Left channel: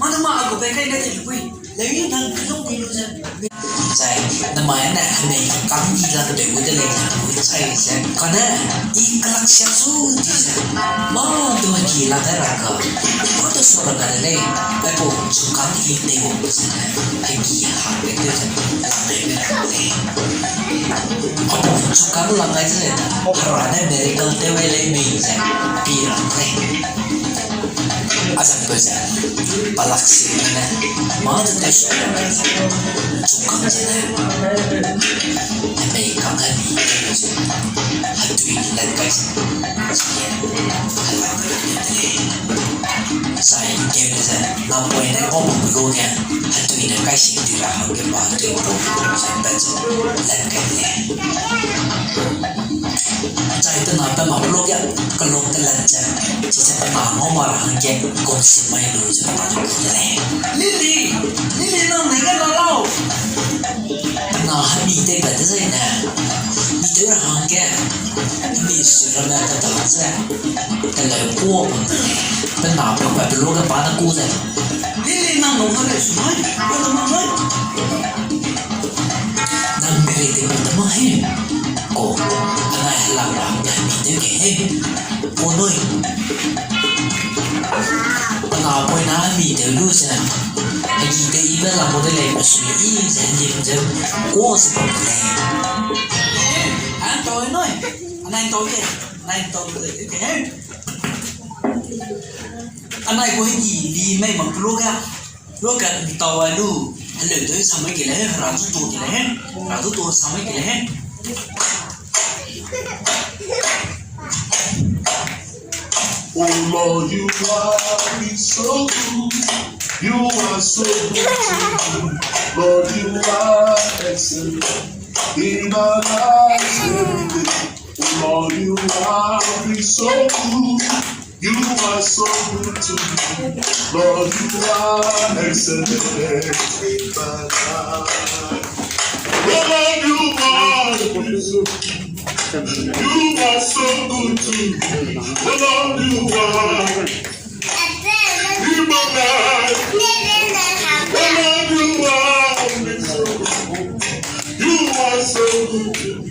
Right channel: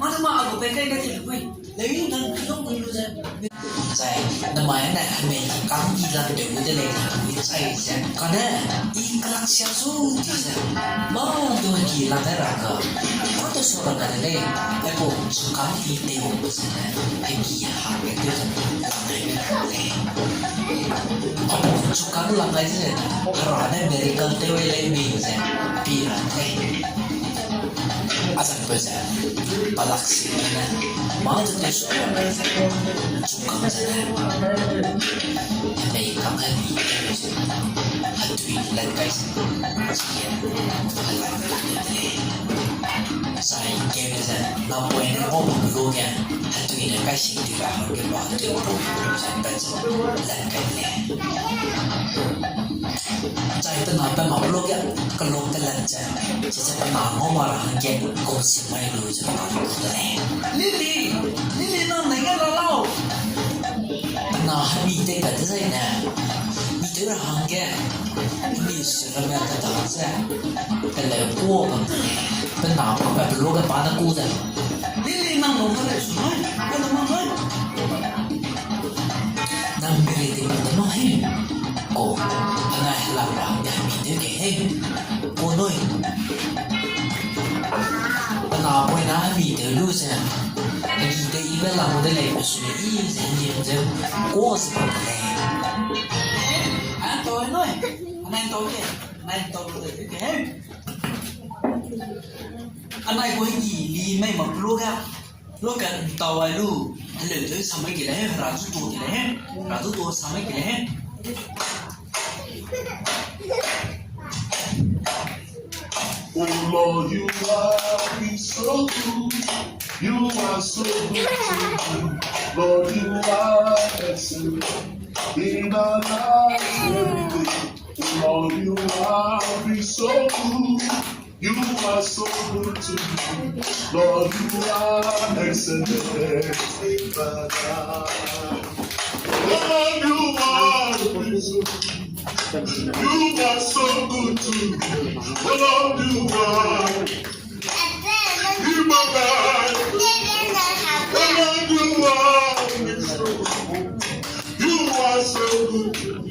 Mana mak aku pengen kata ibu, lagi dan belum dulu saya. Saya namanya ni kami hilang dari kita lagi. Saya kerana kelak siasu dia. Mau tu hilang raka. Mau tu suara kata ni. Aku suka ini tengok sana. Pergi hak itu langai. Aku suka langai saja. Kerana dari kau tewai lagi saya. Pirang lagi. Asal tu saja. Palaksi mana, mana tu suka sana. Tapi kakak ni, hatu ini lagi saya kira saya nampak ini orang bergaya hatu ini kasih dia harga batu saya baca lagi. Saya itu nada maklum ya kalau terlanjur jika pernah ngomong hangge kongsi main dulu jangan Lili nang nengen lalau nah hami itu pada saya nah itu hangge ini sudah ada tahasa kalau buat pernah apa dulu kan pada kuda Lili nang ngomong ada semua ada mana nang beri itu pertama oh anak helang kami itu konoi kenapa nami dulu saya kita ini lah model yang asli jadi kuas model tahu noi anak tahu ke anak gue ini di memang loga tahu lu halo tu sama kita ratu tu sama kita Oh Lord, you are so good. You are so good to me. Lord, you are excellent in my life every day. Oh Lord, you are so good. You are so good to me. Lord, you are excellent in my life. Lord, you are so good. You are so good to me. Oh Lord, you are in my life. Oh Lord, you are so good to me.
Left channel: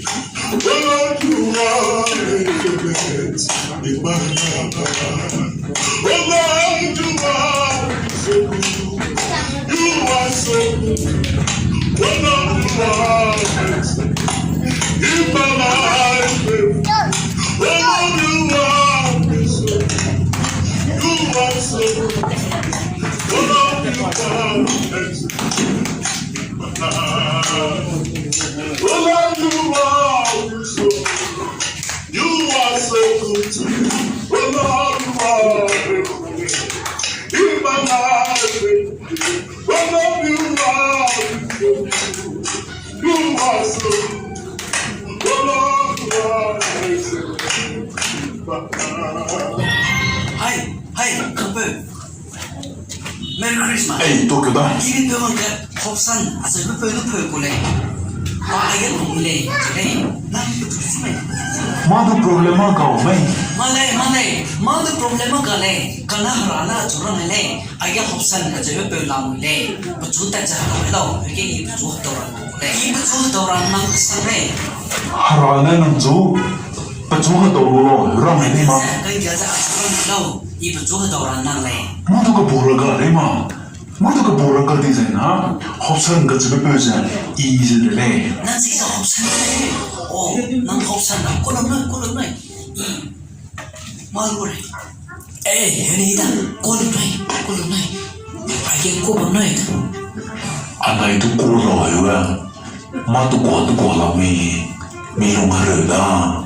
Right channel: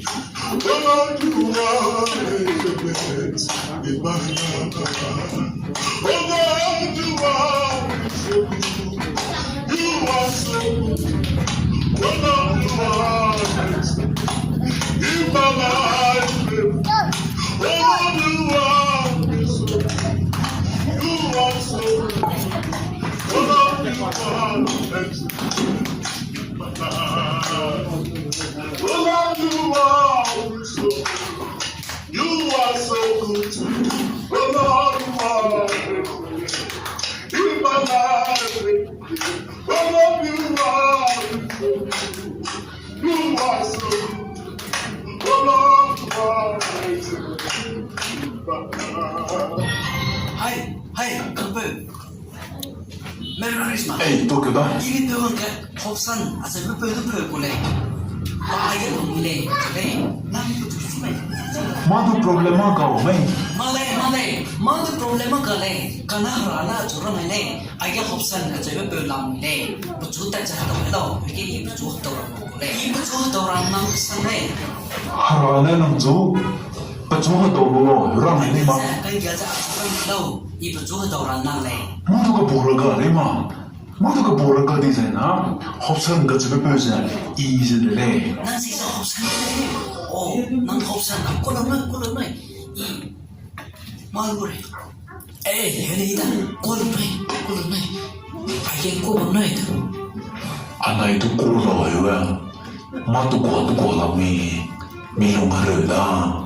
Oh Lord, you are in my life. Oh Lord, you are so good. You are so good. Oh Lord, you are in my life. Oh Lord, you are so good. You are so good. Oh Lord, you are in my life. Oh Lord, you are so good. You are so good to me. Oh Lord, you are in my life. Oh Lord, you are so good. You are so good. Oh Lord, you are Hai, kamu. Merry Christmas. Tokyo dah. Ini perlu ke hopsan, asal perlu kulai. Ayat mulai, nanti betul semua. Mana problema kau, mai? Mana problema kau? Karena harana curang le, ayat hopsan asal perlu mulai. Betul tak cakap kau, ini betul orang mulai. Ini betul orang nang sana. Harana nang tu, betul orang orang ini mah. Kau jaga curang kau. Ibu juga orang nang le. Mana kau borak le mah? Mana kau borak di sana? Hopsan kau cuba pesan, easy le. Nang sih hopsan le. Oh, nang hopsan aku kolom nai. Malu le. Ini dah kolom nai. Ayat kau bang nai dah. Anak itu kolom ya. Matu kolom ni, minum harga.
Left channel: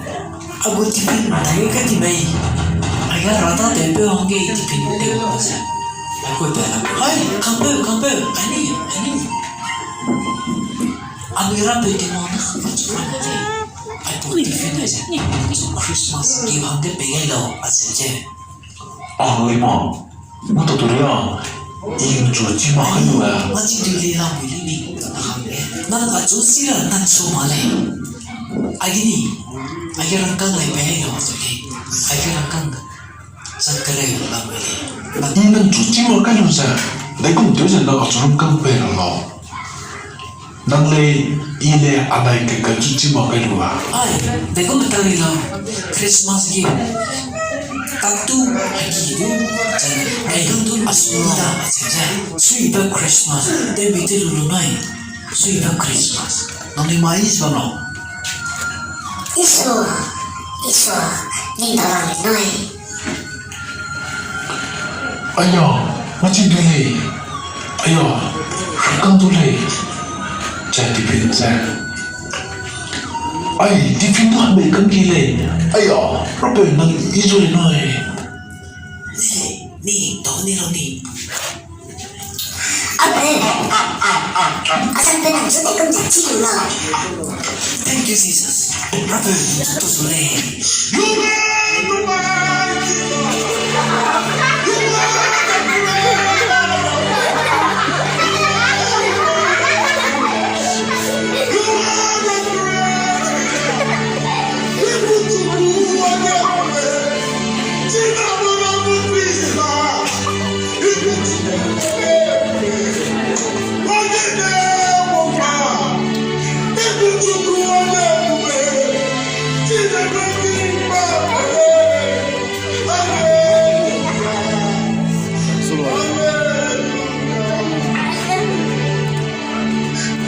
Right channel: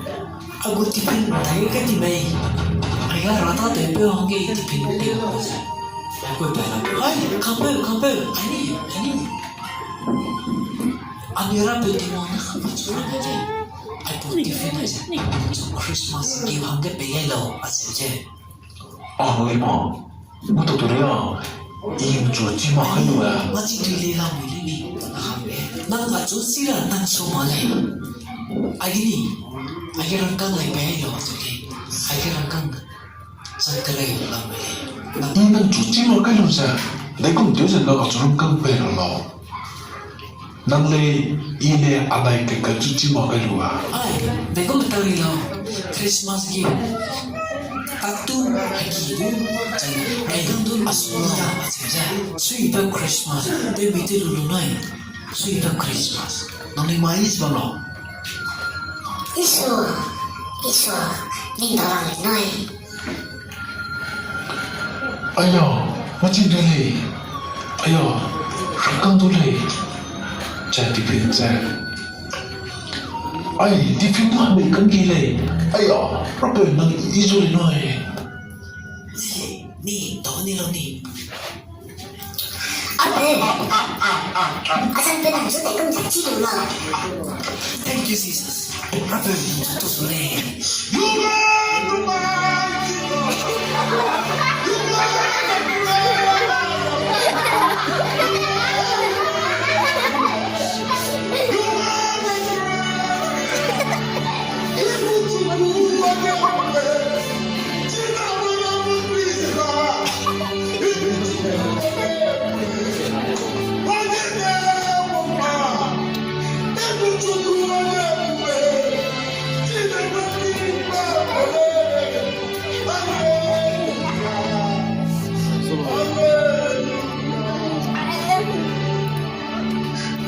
Aku tipin, tayo ka tibay. Ayah rata tepe angge tipin tengok masa. Aku bilang, hai, kampel, ani. Amira bagi mana cuma aja. Aku tipin aja. Christmas kau angge pengen lo aja. Lima, mata tu dia. Ini cuci makan dua. Macam tu dia lah pilih ni. Nang acusi lah nang somale. rangkang ay bahay no okay agi rangkang sangkare la mele 이는 주지마 가면서 내가 되지 나가 좀 깡패로 나래 이내 아나이 그 주지마 가루아 ai deko matari la Christmas gi taktu agi du jana ai gundu asmula aja suiba Christmas de bitel lunai suiba Christmas nami mais bano Iso, nindalang noi. 아야 마치 들래 아야 깡 들래 자 디펜자 아이 디펜도 하면 깡기래 아야 로베 난 이소리 너에 ni to ni lo ni Abe, asal benang sudah kerja cium lah. thank you Jesus Rabu to sole You are the mighty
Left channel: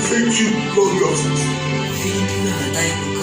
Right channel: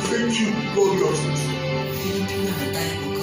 Thank you, glorious. Filipino na tayo